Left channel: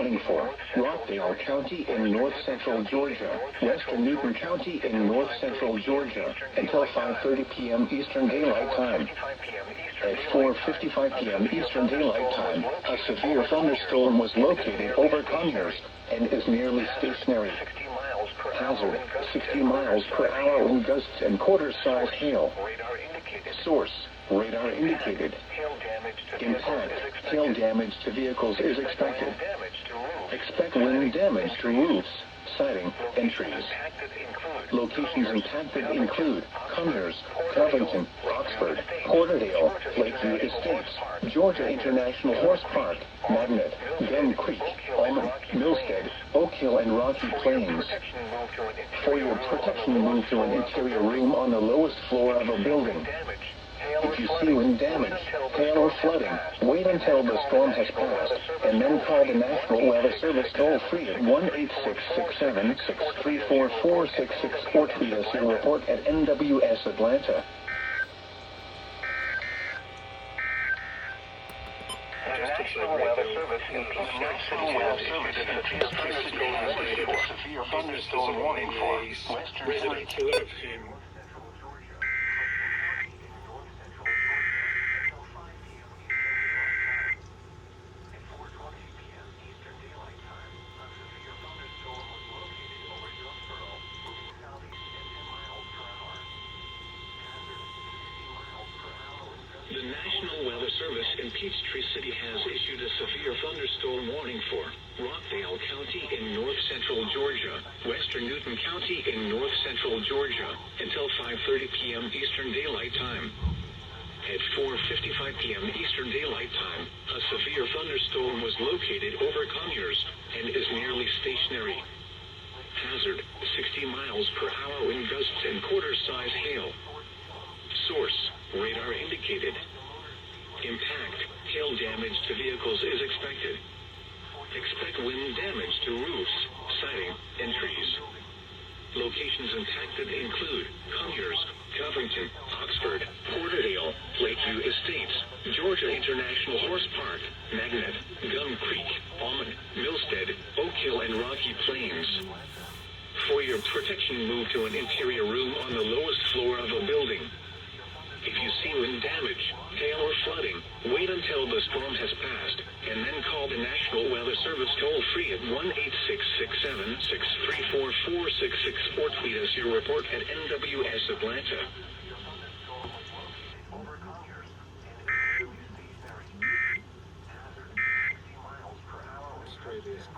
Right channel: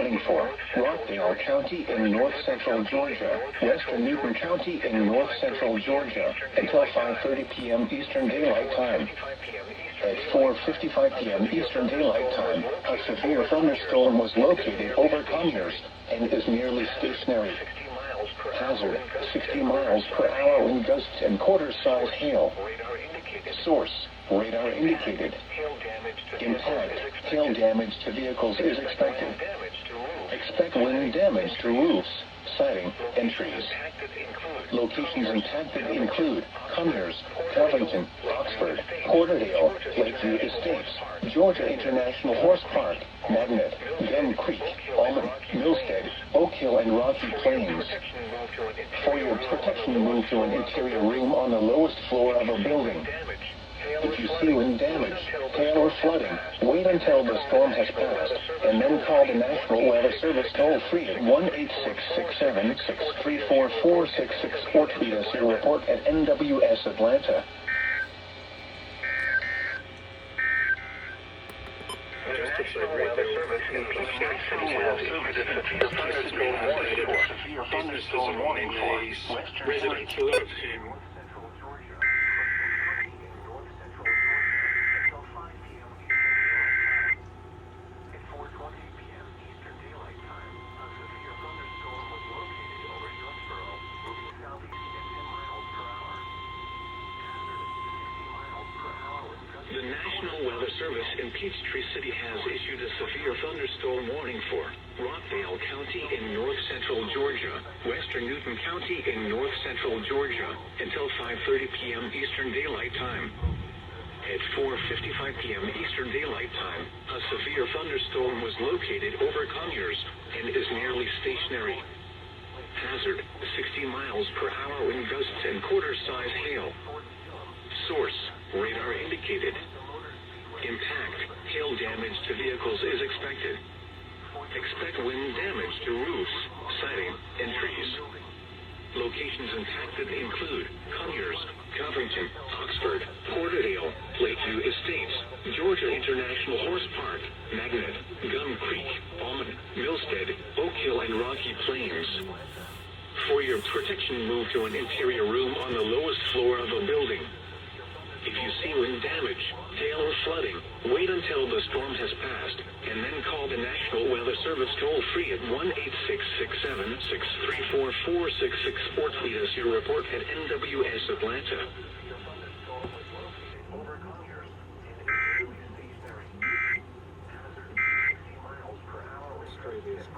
warning for Rockdale County in north-central Georgia, western Newton County in north-central Georgia, until 5:30 p.m. Eastern Daylight Time. At 4:55 p.m. Eastern Daylight Time, a severe thunderstorm was located over Conyers and is nearly stationary. Hazard, 60 miles per hour wind gusts and quarter-size hail. Source, radar indicated. Impact, hail damage to vehicles is expected. Expect wind damage to roofs, siding, and trees. Locations impacted include Conyers, Covington, Oxford, Porterdale, Lakeview Estates, Georgia International Horse Park, Magnet, Gum Creek, Almond, Millstead, Oak Hill, and Rocky Plains. For your protection, move to an interior room on the lowest floor of a building. If you see wind damage, hail, or flooding, wait until the storm has passed, and then call the National Weather Service toll-free at 1-866-763-4466 or tweet us your report at NWS Atlanta. The National Weather Service in severe thunderstorm warning for residents alert. The National Weather Service in Peachtree City has issued a severe thunderstorm warning for Rockdale County in north-central Georgia, western Newton County in north-central Georgia, until 5:30 p.m. Eastern Daylight Time. At 4:55 p.m. Eastern Daylight Time, a severe thunderstorm was located over Conyers and is nearly stationary. Hazard, 60 miles per hour wind gusts and quarter-size hail. Source, radar indicated. Impact, hail damage to vehicles is expected. Expect wind damage to roofs, siding, and trees. Locations impacted include Conyers, Covington, Oxford, Porterdale, Lakeview Estates, Georgia International Horse Park, Magnet, Gum Creek, Almond, Millstead, Oak Hill, and Rocky Plains. For your protection, move to an interior room on the lowest floor of a building. If you see wind damage, hail, or flooding, wait until the storm has passed, and then call the National Weather Service toll-free at 1-866-763-4466 or tweet us your report at NWS Atlanta.